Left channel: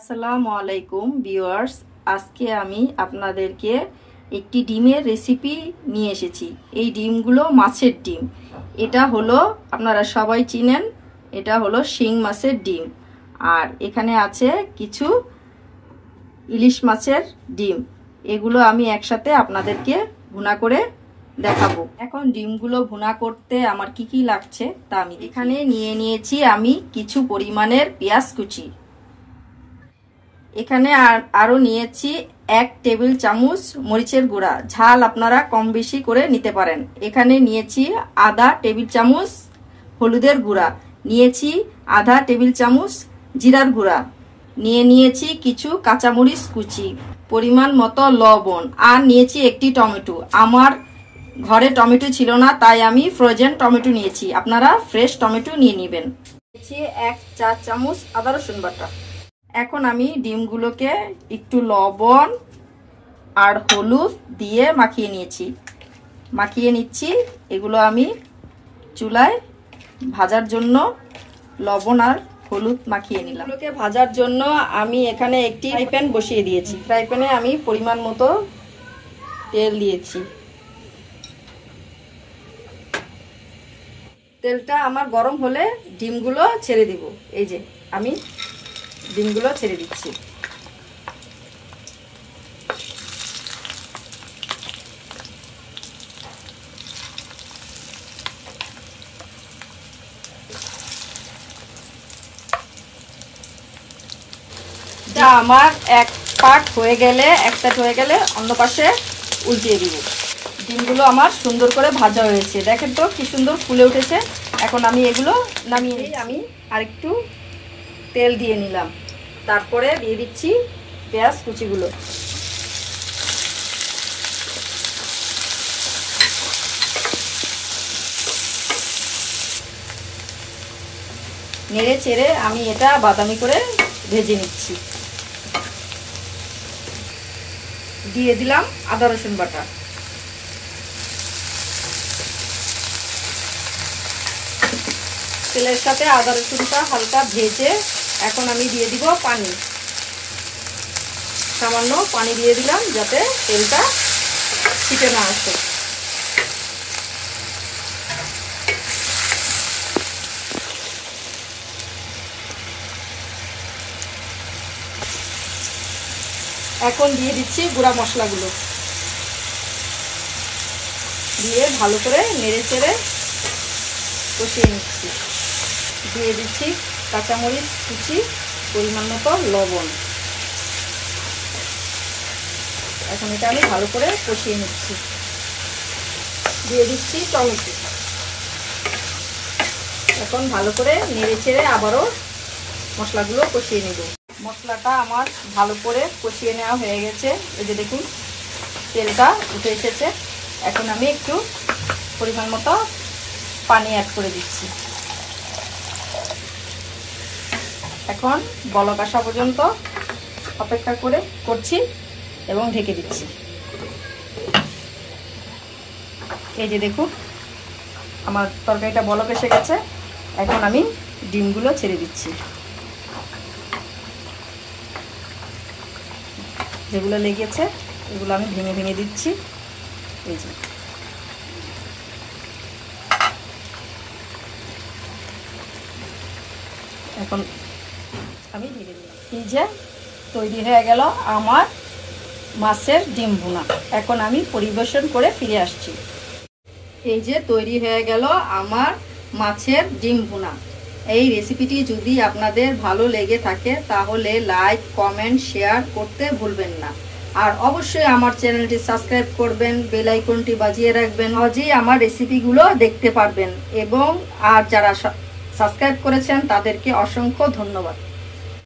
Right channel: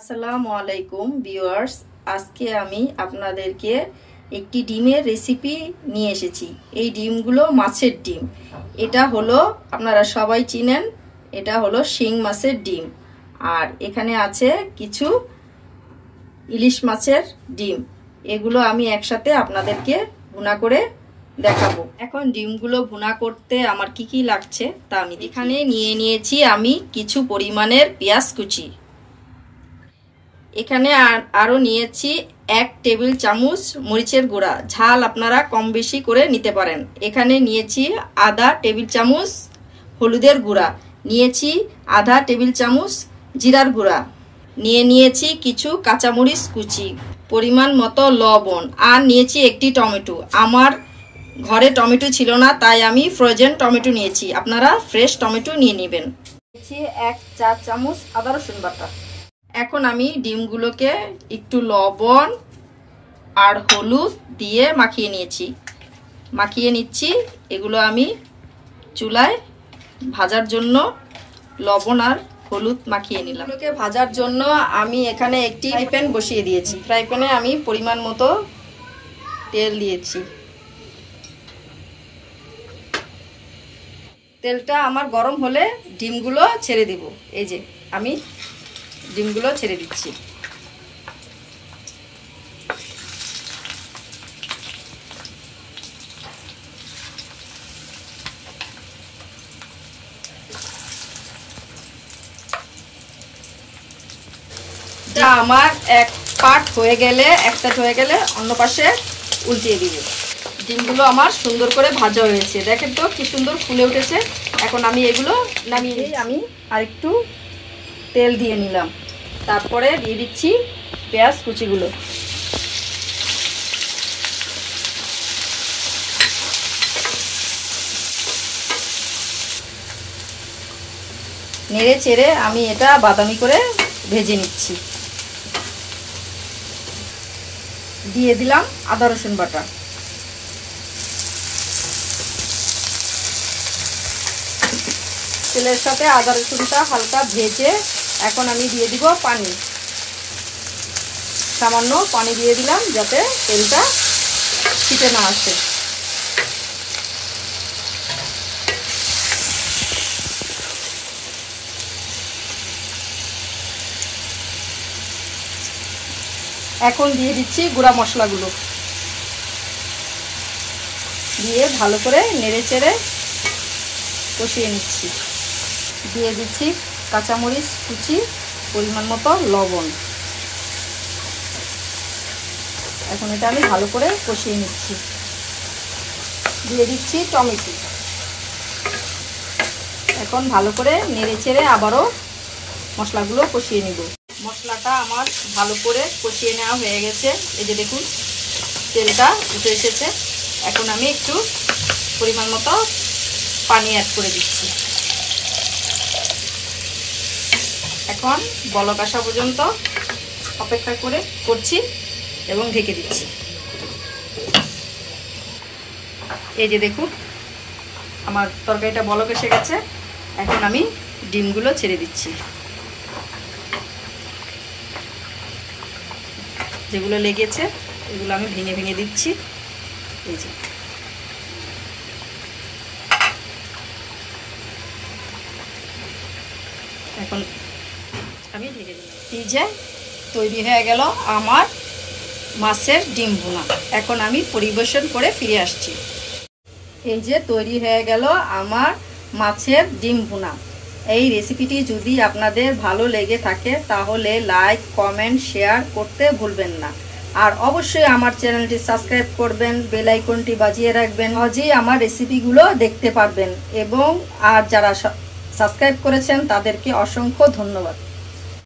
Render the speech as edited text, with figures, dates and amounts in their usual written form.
আসসালামু আলাইকুম ভিউয়ার্স, আজকে আমি আপনাদেরকে একটি ডিমের রেসিপি নিয়ে এসেছি। এই ডিমগুলো মাছের ডিম। এটা হলো, আপনারা সবাই চিনেন, এটা হলো শিং মাছের ডিম। আর এখানে আছে কিছু ইলিশ মাছের ডিম। এগুলো আমি একসাথে আপনাদেরকে ভুনা করে দেখাবো। এখন ডিমগুলো ভুনা করতে আমার কি কি লাগছে তা আমি এখানে নিয়ে নিয়েছি। আমি কিছু পরিমাণের পেঁয়াজ কুচি, এখানে আরো নিয়েছি 1 টেবিল চামচ মরিচের গুঁড়া, ঝাল আপনারা কম বেশি করে নিতে পারেন। এখানে নিয়েছি আধা টেবিল চামচ হলুদের গুঁড়া, নিয়েছি আধা টেবিল চামচ জিরার গুঁড়া, নিয়েছি কিছু কাঁচামরিচ কুচি, পরিমাণ মতো লবণ, আর নিয়েছি একটি টমেটো। আমার ঘরে টমেটো ছিল না, তাই আমি ফ্রোজেন টমেটো নিয়েছি, আপনারা ফ্রেশ টমেটো নিয়ে নেবেন। নিয়েছি 1 চা চামচ আদা রসুন বাটা। এখন আমি ডিমগুলোকে একটু লবণ আর হলুদ দিয়ে মাখিয়ে নিচ্ছি। এগুলো আমি চুলায় ভাজার জন্য লবণ আর হলুদ মাখিয়ে নিলাম। এগুলোকে ভাজার জন্য আমি এখানে একটি ফ্রাই প্যান বসিয়ে দিয়েছি। ফ্রাই প্যানে আমি পরিমাণ মতো তেল দিয়েছি। তেলটা আমার গরম হলে ডিমগুলো ছেড়ে দিব। এই যে আমি ডিমগুলো ছেড়ে দিচ্ছি। আমার এক সাইড হয়ে গেলে অন্য পাশে উল্টিয়ে দিব। ডিমগুলো আমার সুন্দর করে ভাজা হয়েছে, দেখেন তো কি সুন্দর ফুলে উঠেছে। এখন আমি এগুলো নামিয়ে আমি আরেকটু তেল দিয়ে নিলাম, তারপরে দিয়ে দিচ্ছি পেঁয়াজ কুচিগুলো। নেড়ে চেড়ে আমি এটা বাদামি করে ভেজে নিচ্ছি। দিয়ে দিলাম আদা রসুন বাটা। তেলের সাথে আদা রসুনটা হালকা ভেজে এখন আমি দিয়ে দিব পানি। সামান্য পানি দিয়ে দিলাম যাতে তেলটা ছিটে না আসে। এখন দিয়ে দিচ্ছি গুঁড়া মশলাগুলো, দিয়ে ভালো করে নেড়ে চেড়ে কষিয়ে নিচ্ছি। দিয়ে দিচ্ছি কাঁচামরিচ কুচি, পরিমাণ মতো লবণ। এখন এটা আমি ভালো করে কষিয়ে নিচ্ছি। দিয়ে দিচ্ছি টমেটো। এখন ভালো করে নেড়ে চেড়ে আবারও মশলাগুলো কষিয়ে নিব। মশলাটা আমার ভালো করে কষিয়ে নেওয়া হয়ে গেছে। এই যে দেখুন তেলটা উঠে এসেছে। এখন আমি একটু পরিমাণ মতো পানি অ্যাড করে দিচ্ছি। এখন বলক আসা পর্যন্ত অপেক্ষা করছি এবং ঢেকে দিচ্ছি। এই যে দেখুন আমার তরকারিটা বলক এসে গেছে। এখন আমি ডিমগুলো ছেড়ে দিচ্ছি। যেগুলো লেগেছে এগুলো আমি ভেঙে ভেঙে দিচ্ছি। এই যে এখন আমি ঢেকে দিলাম। এই যে তৈরি হয়ে গেল আমার মাছের ডিম ভুনা। এখন আমি পরিবেশন করে ফিরে আসছি। এই যে তৈরি হয়ে গেল আমার মাছের ডিম ভুনা। এই রেসিপিটি যদি আপনাদের ভালো লেগে থাকে তাহলে লাইক, কমেন্ট, শেয়ার করতে ভুলবেন না। আর অবশ্যই আমার চ্যানেলটি সাবস্ক্রাইব করবেন, বেল আইকনটি বাজিয়ে রাখবেন, সহজেই আমার রেসিপিগুলো দেখতে পারবেন। এবং আর যারা সাবস্ক্রাইব করেছেন তাদেরকে অসংখ্য ধন্যবাদ।